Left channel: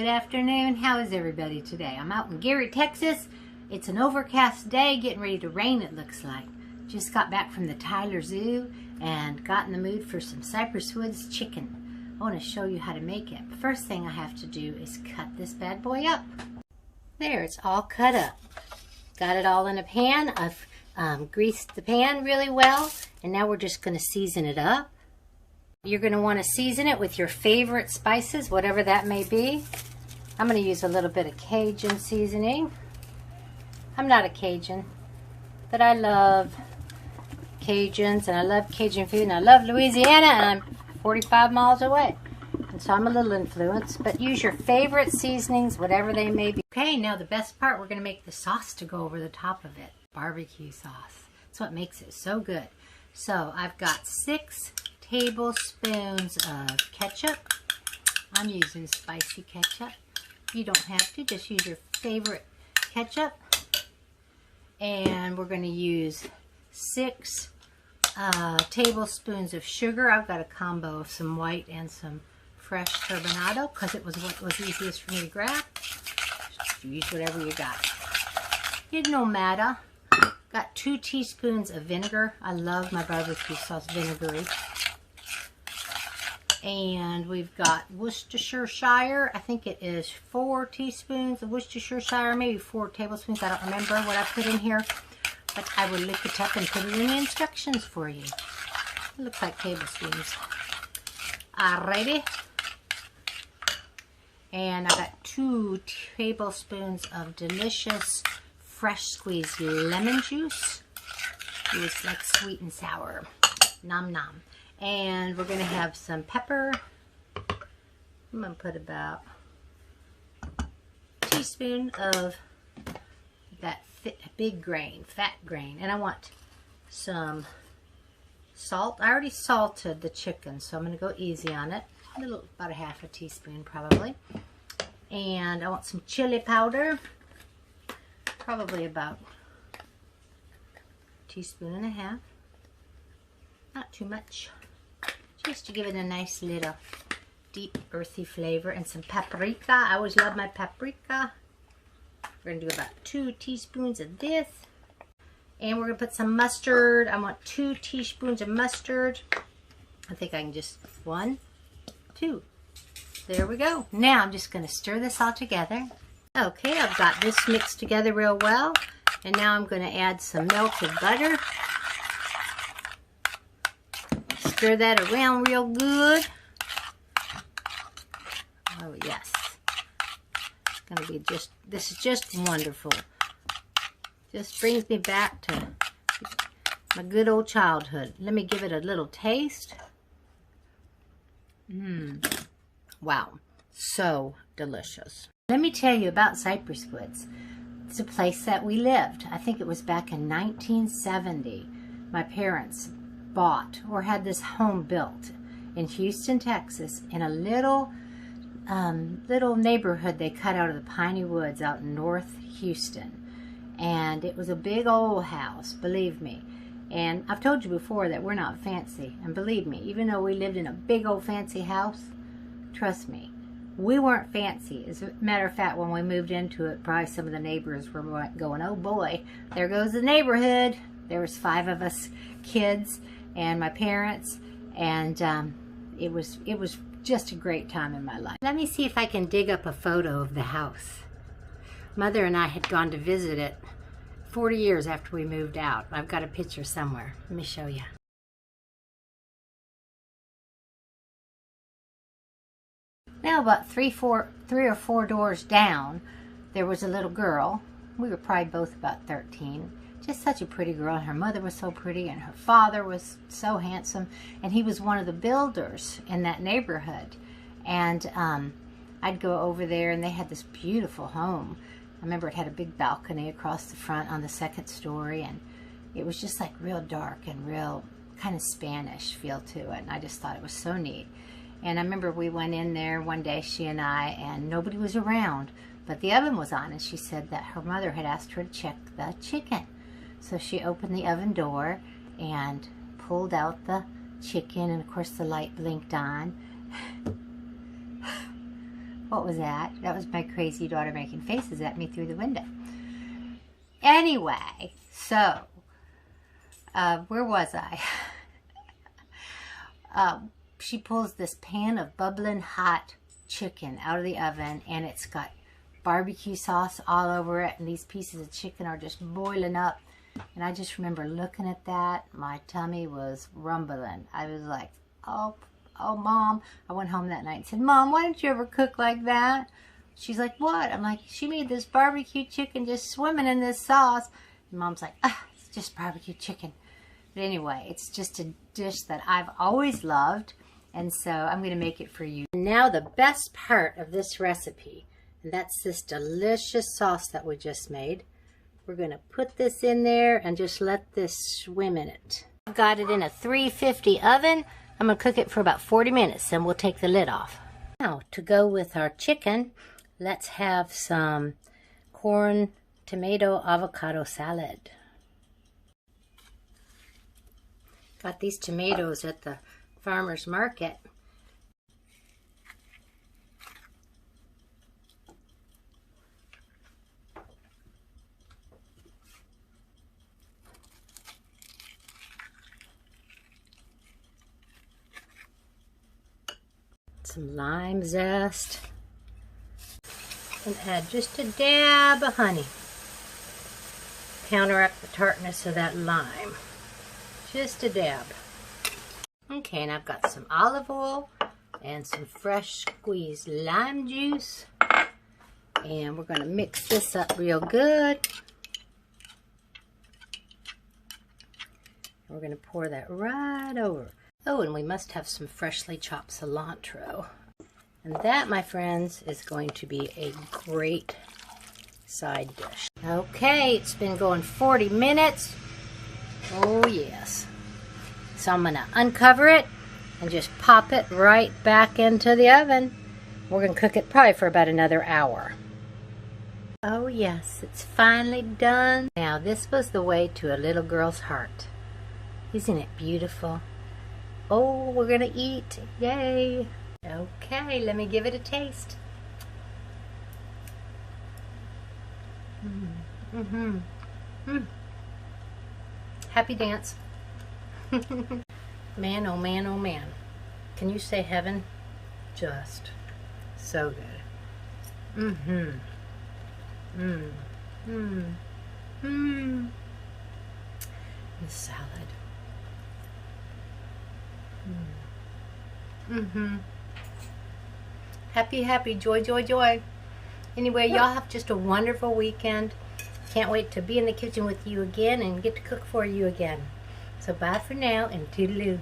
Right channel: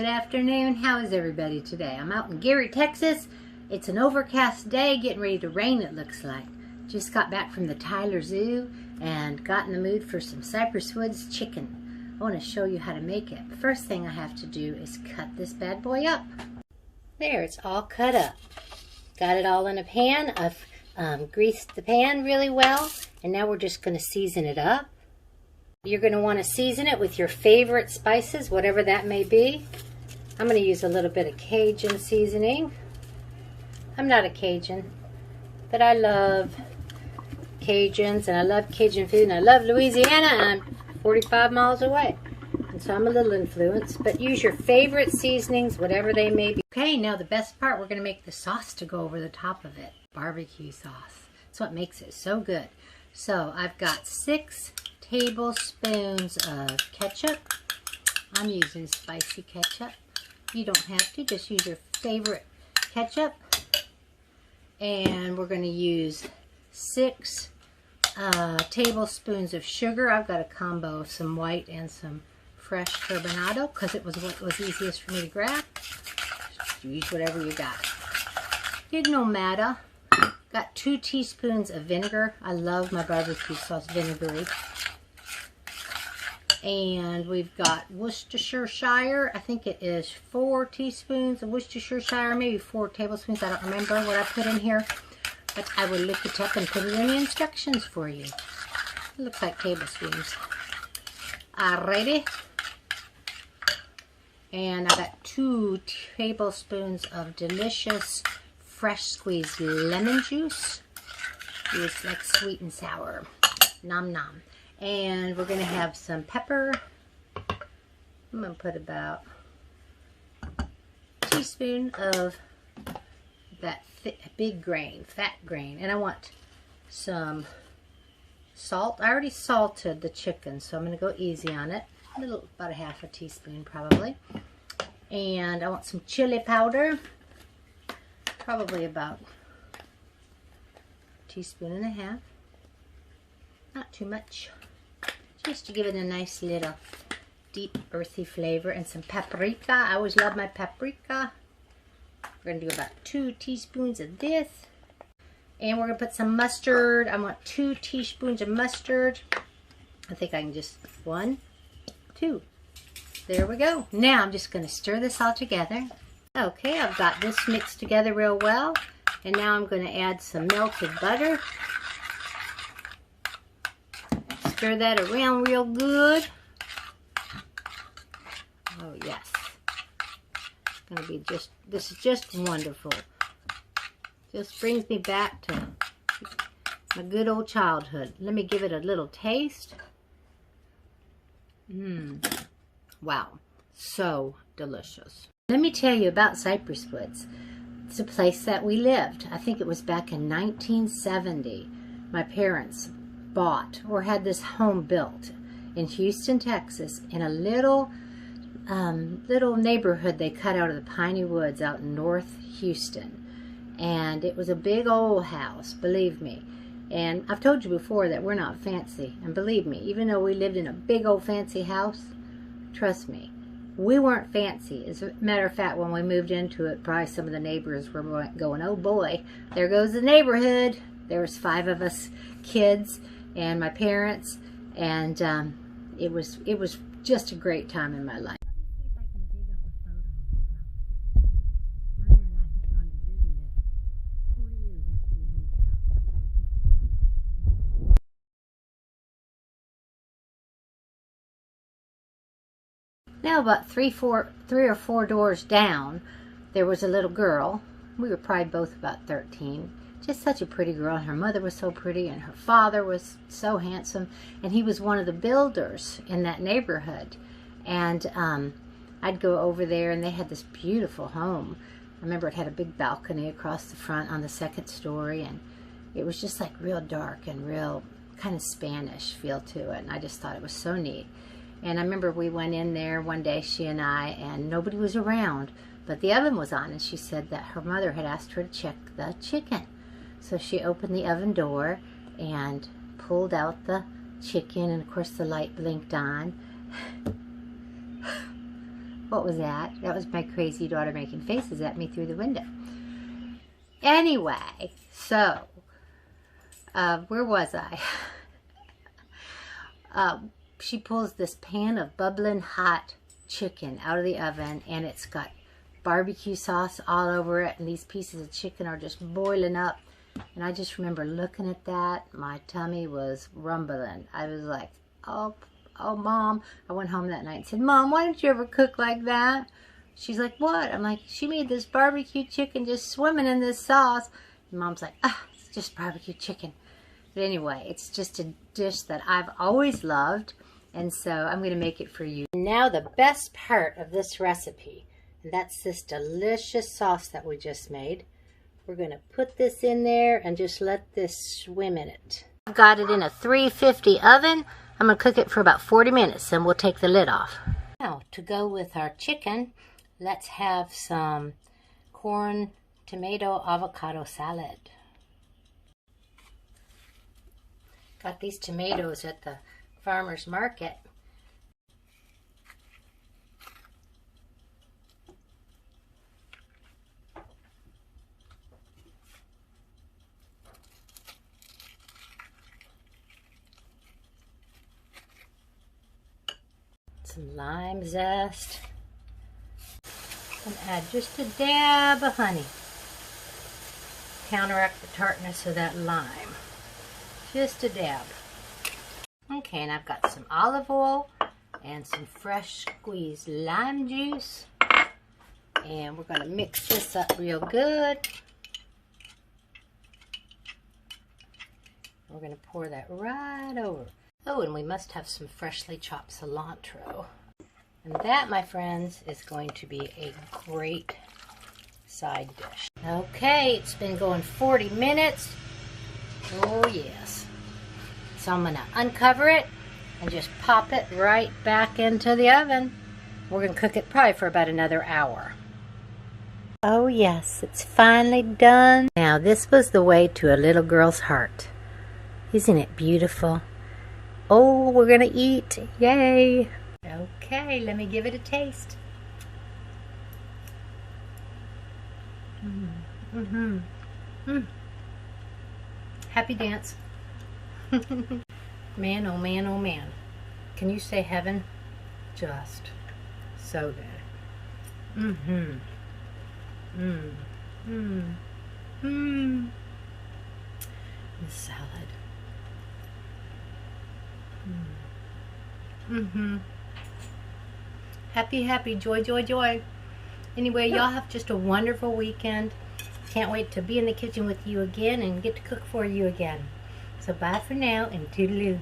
Good afternoon. How is everybody today? I'm out in Gary, Texas. It's an overcast day, getting ready to rain it looks like. Just got back from the Tyler Zoo and got in the mood for some CYPRESS WOODS chicken. I want to show you how to make it. The first thing I have to do is cut this bad boy up. There, it's all cut up. Got it all in a pan. I've greased the pan really well, and now we're just going to season it up. You're going to want to season it with your favorite spices, whatever that may be. I'm going to use a little bit of Cajun seasoning. I'm not a Cajun, but I love Cajuns, and I love Cajun food, and I love Louisiana, and I'm 45 miles away. And so I'm a little influenced, but use your favorite seasonings, whatever they may be. Okay, now the best part, we're going to make the sauce to go over the top of it. Barbecue sauce. That's what makes it so good. So I've got 6 tablespoons of ketchup. I'm using spicy ketchup. You don't have to, just use your favorite ketchup. And we're going to use 6 tablespoons of sugar. I've got a combo of some white and some fresh turbinado because it was what was easiest for me to grab. Just use whatever you got. It no matter. Got 2 teaspoons of vinegar. I love my barbecue sauce vinegary. And we've got Worcestershire. I think it is 4 teaspoons of Worcestershire, maybe 4 tablespoons. I don't remember what I put in here, but I will look it up and put it in the instructions for you. It looks like tablespoons. Alrighty. And I got 2 tablespoons of delicious fresh squeezed lemon juice. It's like sweet and sour. Nom nom. And we're going to have some pepper. I'm going to put about a teaspoon of that big grain, fat grain. And I want some salt. I already salted the chicken, so I'm going to go easy on it. About a half a teaspoon probably. And I want some chili powder. Probably about a teaspoon and a half. Not too much. Just to give it a nice little deep earthy flavor. And some paprika. I always love my paprika. We're going to do about 2 teaspoons of this. And we're going to put some mustard. I want 2 teaspoons of mustard. I think I can just 1, 2. There we go. Now I'm just going to stir this all together. Okay, I've got this mixed together real well. And now I'm going to add some melted butter. Stir that around real good. Oh yes. It's going to be this is just wonderful. Just brings me back to my good old childhood. Let me give it a little taste. Wow. So delicious. Let me tell you about CYPRESS Woods. It's a place that we lived. I think it was back in 1970. My parents bought or had this home built in Houston, Texas, in a little neighborhood they cut out of the piney woods out in North Houston. And it was a big old house, believe me. And I've told you before that we're not fancy. And believe me, even though we lived in a big old fancy house, trust me, we weren't fancy. As a matter of fact, when we moved into it, probably some of the neighbors were going, oh boy, there goes the neighborhood. There was 5 of us kids and my parents, and it was just a great time in my life. Let me see if I can dig up a photo of the house. Mother and I had gone to visit it 40 years after we moved out. I've got a picture somewhere. Let me show you. Now about 3 or 4 doors down, there was a little girl. We were probably both about 13. Just such a pretty girl. And her mother was so pretty, and her father was so handsome. And he was one of the builders in that neighborhood. And I'd go over there, and they had this beautiful home. I remember it had a big balcony across the front on the 2nd story, and it was just like real dark and real kind of Spanish feel to it. And I just thought it was so neat. And I remember we went in there one day, she and I, and nobody was around, but the oven was on, and she said that her mother had asked her to check the chicken. So she opened the oven door and pulled out the chicken, and of course the light blinked on. What was that? That was my crazy daughter making faces at me through the window. Anyway, so, where was I? She pulls this pan of bubbling hot chicken out of the oven, and it's got barbecue sauce all over it, and these pieces of chicken are just boiling up. And I just remember looking at that. My tummy was rumbling. I was like, oh, Mom. I went home that night and said, Mom, why didn't you ever cook like that? She's like, what? I'm like, she made this barbecue chicken just swimming in this sauce. And Mom's like, it's just barbecue chicken. But anyway, it's just a dish that I've always loved. And so I'm going to make it for you. Now the best part of this recipe, and that's this delicious sauce that we just made. We're going to put this in there and just let this swim in it. I've got it in a 350 oven. I'm going to cook it for about 40 minutes, and we'll take the lid off. Now, to go with our chicken, let's have some corn, tomato, avocado salad. Got these tomatoes at the farmer's market. Some lime zest, and add just a dab of honey. Counteract the tartness of that lime. Just a dab. Okay, and I've got some olive oil and some fresh squeezed lime juice. And we're going to mix this up real good. We're going to pour that right over. Oh, and we must have some freshly chopped cilantro. And that, my friends, is going to be a great side dish. Okay, it's been going 40 minutes. Oh, yes. So I'm going to uncover it and just pop it right back into the oven. We're going to cook it probably for about another hour. Oh, yes, it's finally done. Now, this was the way to a little girl's heart. Isn't it beautiful? Oh, we're gonna eat. Yay. Okay, let me give it a taste. Happy dance. Man, oh man, oh man. Can you say heaven? Just so good. The salad. Happy, happy, joy, joy, joy. Anyway, y'all have just a wonderful weekend. Can't wait to be in the kitchen with you again and get to cook for you again. So bye for now and toodaloo.